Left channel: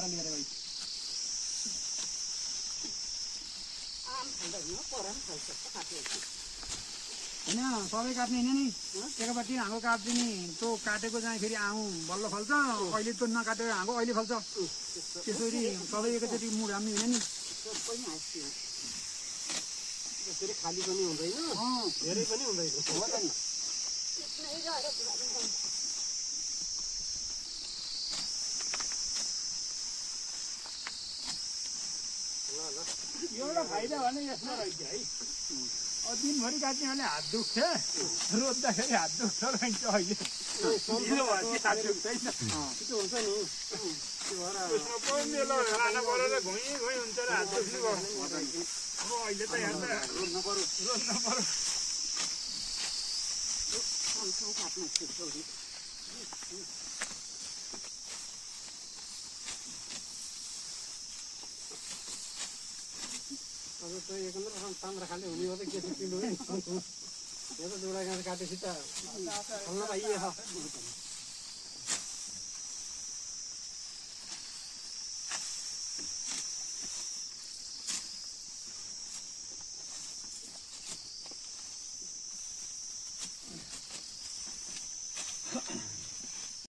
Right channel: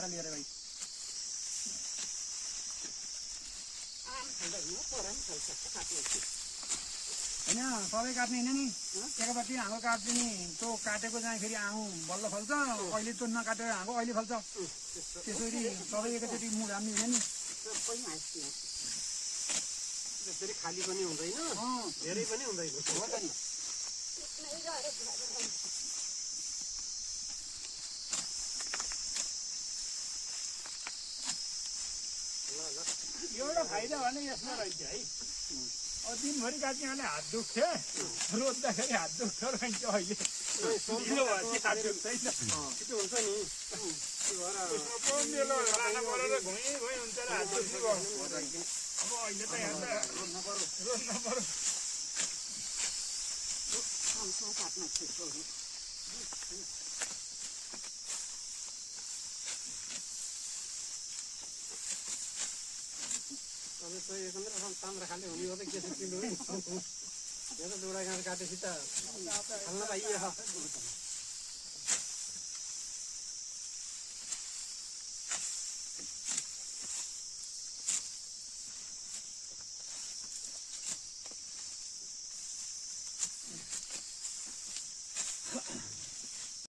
दारा लिएर भाइ होइन सबै काट्ने होइन नि एकपट्टि हाँगो काट्दिने त्यो काटेको जाँदाखेरि आउँ बल्ल फल्छ अहिले त्यो नकाटेर हाँगो अहिले फल्छ त्यसरी सबै एकैचोटि मुड हाल्ने होइन नि त्यसरी खाली पनि हुँदैन धेरै पनि हुँदैन हो त नि एउटा फाइदा भने यसमा रहेछ है अब दिनभरि काट्नेहरूले हात दुख्थ्यो रोज्दाखेरि हात दुख्छ रहन्छ अहिले ढिलो भयो कि हात दुख्दैन त्यो हुन्छ नि अहिले त रोज्नु पर्यो अब त एकन्द्र तान्द्रा खाले हुने हो त के छ किलो यहाँ त जोडा गाँस काटेपछि त खाल्न पाइएछ